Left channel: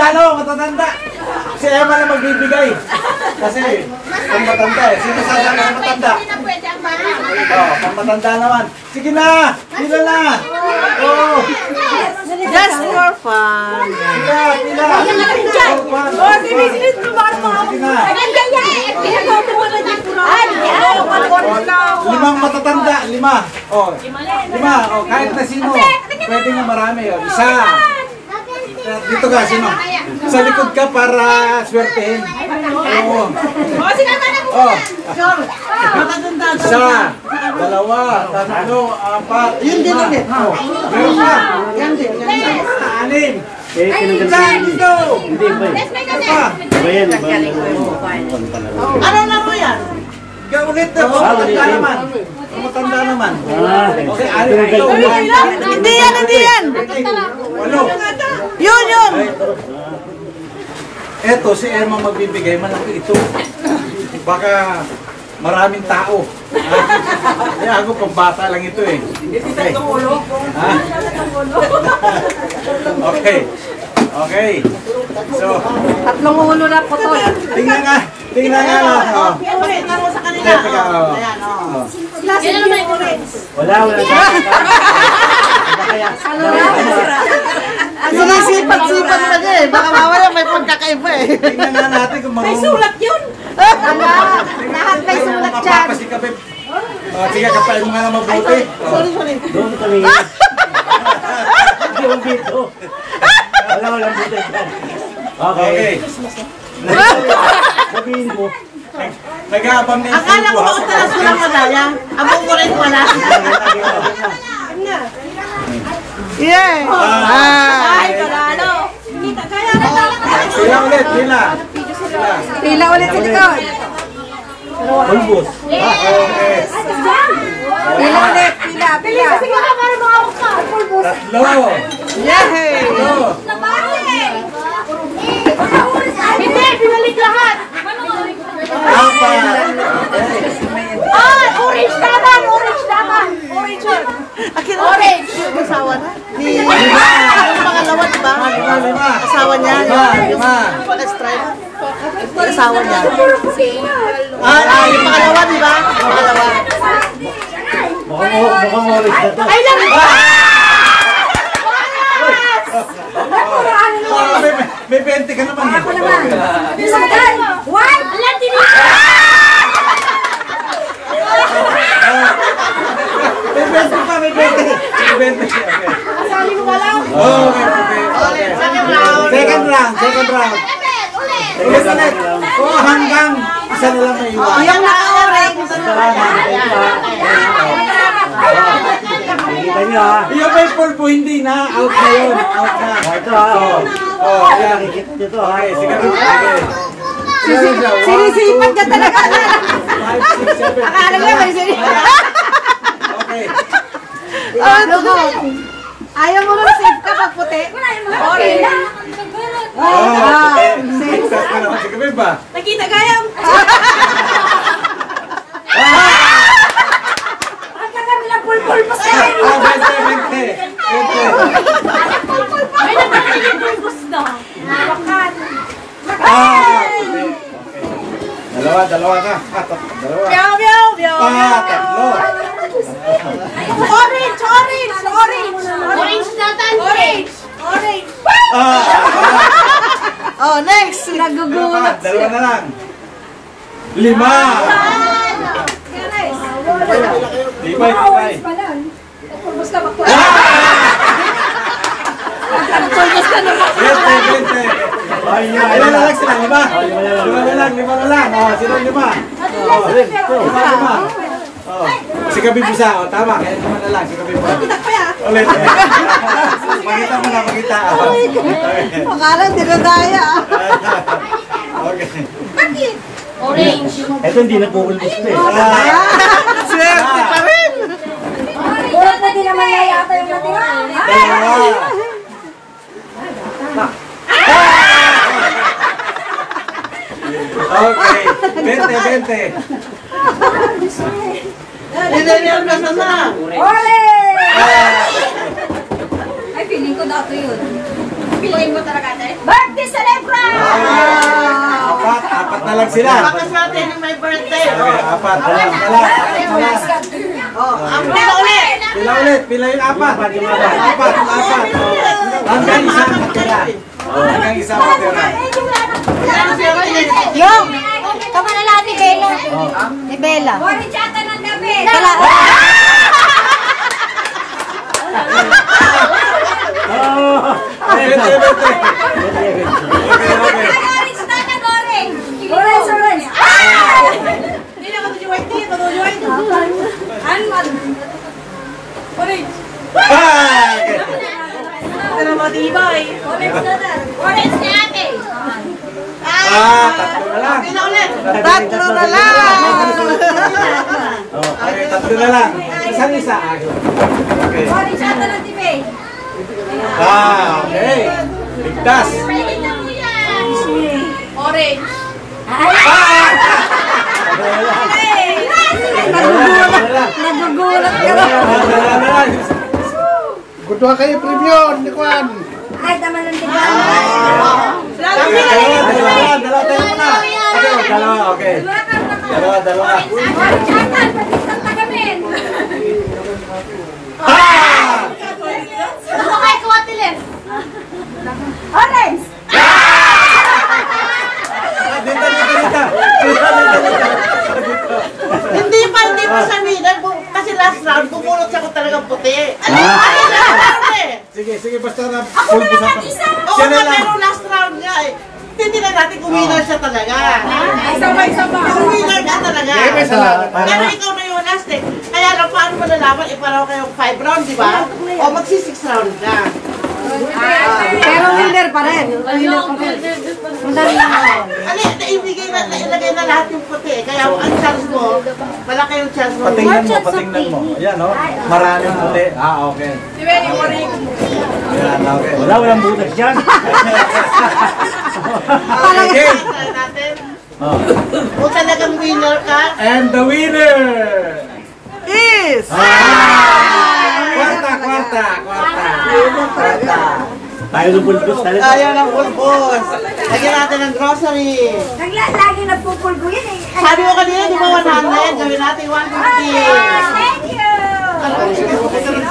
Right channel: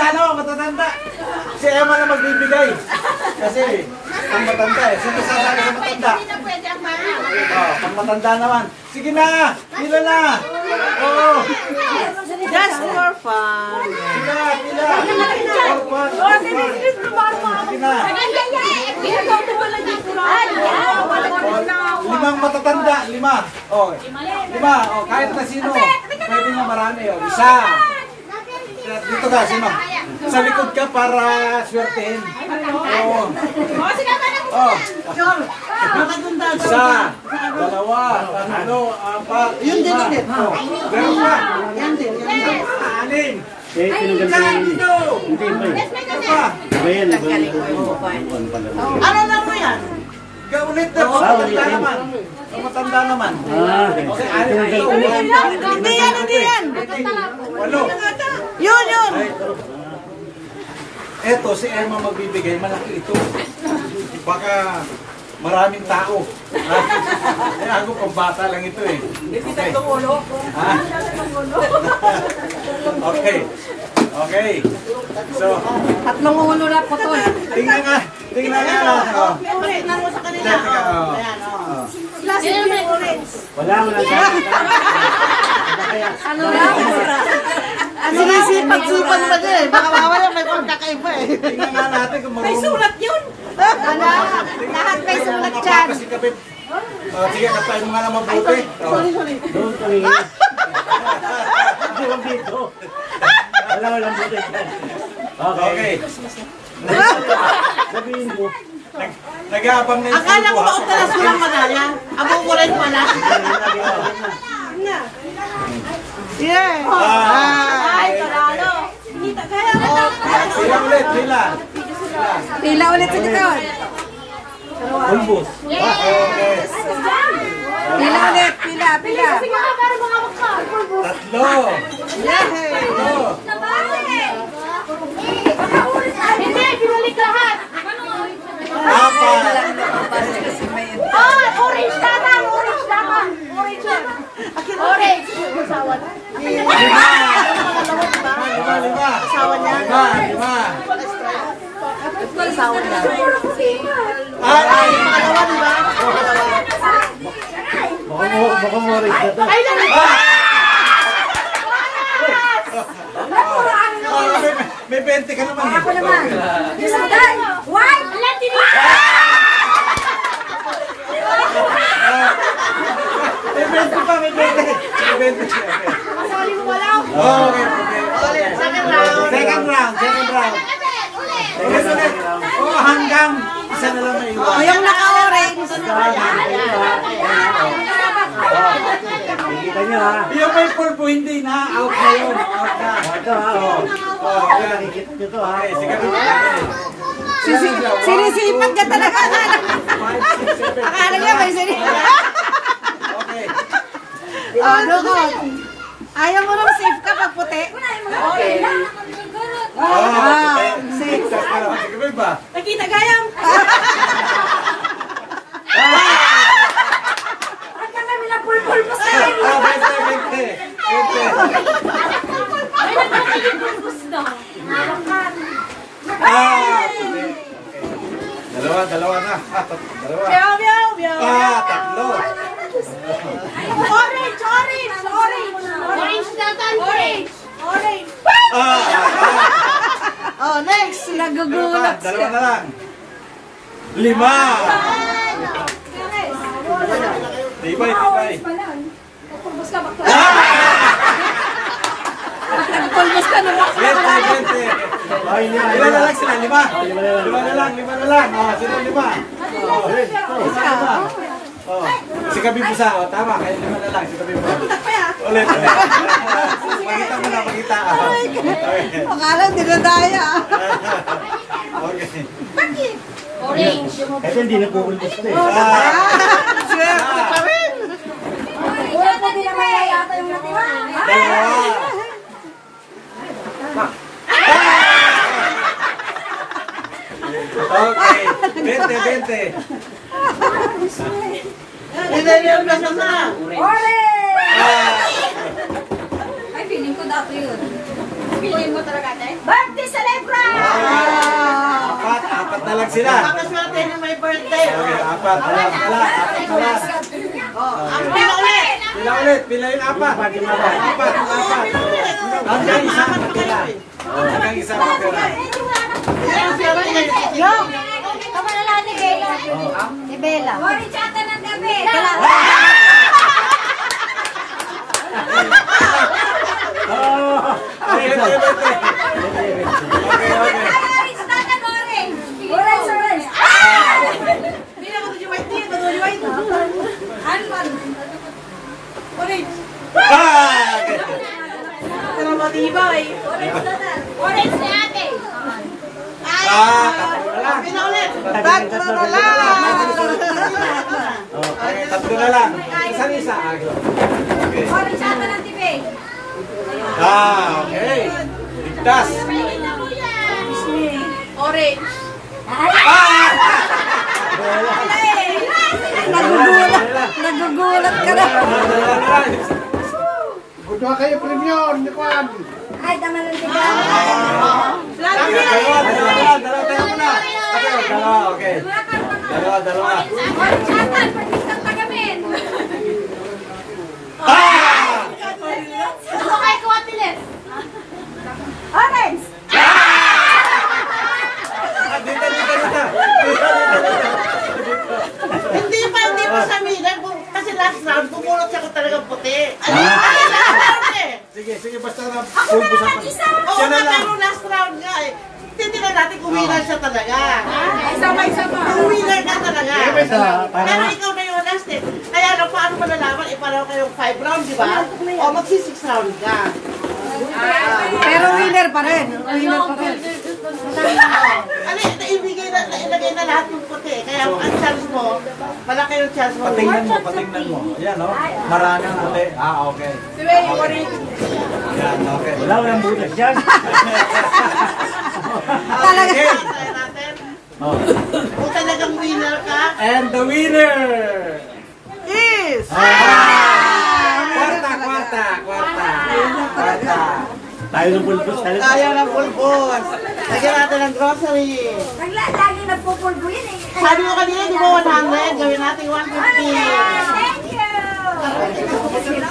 matatanda na ako, matatanda. Si Emma na magbibigay. Kasi, kung matanda eh. Sino sasakay ang matanda? Hindi na pwede ang bata. Oh, kung matanda naman. Sige na! Pila na! Oh! Just for fun. Pila! Pila! For fun! Sige na! Limang matatanda, lima. Oh, lima. Oh, kahit na sino. Pwede nga marami. Oh, isa. Dito ka, sino? Sa likod ka para swertehin. Oh. Oh. Isa, dalawa, tatlo, apat, lima. Oh. Meron ka. Anim. Hindi pa. Ano na mo yan? Ulit na, matanda naman. Matanda naman. Okay, ito. Hindi yan, hindi yan. Walo. Yun, yun. Eto, si Emma magbibigay, malaki ito. Baka maraming tao. Kaya ako, pambata lang ito eh. Okay. Okay. Okay. So, Tatlong ulo na po to. tingnan nga. Tingnan nga. Oh. Tingnan mo sa kanila. Ayan, oh. Sino may orange? Wala. Sinisipat-sipat pa niya eh. Baka mawala may pagkakaiba eh. Tingnan nga natin kung May sulat yun! Lahat may sulat dyan. Mapapasikapin. Sige, kapain mo nga lang mabuti. Sorry. Doon kami. Doon dito. Walang dito dyan. Okay. Sabihin mo. Nag-aabang na yung Akala ko ba utalas ko lang madaya? Abong ko rin pala. Yeah. Ay, panalo! Kita, kaya na Sila ulit, sila. Pila ulit sa likod. Pulbos. Okay. Pila ulit. Pila. Sige ka, para makawag ka! Tatlo. Yay! Tatlo. Hindi, binalik lahat! Apat. Orange naman! Orange naman! Orange naman! Orange. Asawa na. Pangalawa, diba? Lima. Asawa niya. Lima. Pag-stripe. Asawa niya. Yung Pangalawa, diba? Pangalawa. Mukhang orange na to. Ay, lang! May 20 ka naman. Ako naman. Bisagan! White! Alam, tinig! May 20 pa, may 20. May 20. Okay. Kasali mo wala? Okay. Second round. Ulit. Hanggang isa na lang may iwan. Yung naka-orange. Kita nyo ha. Yung may pulpo, hindi na. Out na yun. Out na. Ito ha. Ayan. Kita nyo to ha. Okay, sige. Sinisipat ka talaga. 5, 6, 7. Akala niya may sinisipat. Okay. Ayaw mo nung safe ka pag puti. Okay. Success ka naman. Sige ba? Nakita gayam! Ang taga nila pulpul pa sa akin! 20. Ay, nakakita yung pulpus na! Hawakan! Dalawa na. Dalawa. Tatlo. Orange! Orange na orange! Oh, next. Nagugulat Dalawa na lang. 5. Tibay. Pulpus ka ba? 20. Ilan na lang sila? 5? 5 na lang. Sino 5? 5. Si Kabi Busa. Tama. Kaya 5 na lang. Si Kabi Busa. Ulit. Pakita mo na. Akala dinadaya. Okay. Orange! Ito hindi nagpupulbos na eh. Swerte pa rin. Wala na din naman yata yung natira! Okay. 20. Hindi na nasama. Ay, feeling ko dato yun. Feeling mo talaga, Tay? Birthday lang sila. Baka sa atin yung may birthday. Okay, apat. Apat na lang. Ang pila ulit. Pila ulit. Pila yung apat. Apat. Hanggang isang matira. Hanggang isang matira. Yung! Kamalala ni Bella. Ni Bella. Chata ng damit. Okay. Orange na yan, orange. Orange. Hindi na kasi yung white tea. Kasi yung white. Anman. Orange. Okay. Pero matibay. Orange na ate. Tatlo na lang. Pila ulit. Tatlo na lang. Okay, tatlo na lang. Isang isa. Okay. Orange ata ng TV. Okay. Ligtas. Palitan mo yan. Orange. Nagugulat ka na. Butuha kayo premium, ni Kwan. Ay, tama lang din. Dalawa tayo muna. Okay, dalawa, okay. Dalawa. Orange ata, pagkitang tagamin. Ano kayo kuwatilis? Orange. Dito. Hindi pa sa winner. Kasi last round, bumulot siya ko talagang puti. Sige, basta na. Ako na naman isa. Oo nga, pero last round nga eh. Hindi na natin kung winner siya talaga. Isa pa. Kung winner ka talaga. Pero ikaw na yung last eh. Kaya lang, paano mo nalaman? Iparaw kayong 5 round, di ba? O magsi-6 round ka. Pero winner pa rin. Ali, nailagay na lahat yung puti. Kaya ang chance mo, malaki yung chance mo. Patingnan mo. Ayan, no? Maraming puti. Okay. Ayan, okay. Walang butas dyan. Okay. Try natin. Kung talagang winner ka, And the winner is... Kwarta. Tayo ng bulbos talaga. Ayaw ng bulbos. Lagyan natin ng grocery. Lagi nagpupulbo yan eh. Sabi mo kanina, di ba 100? Gawin natin 150. Thank you.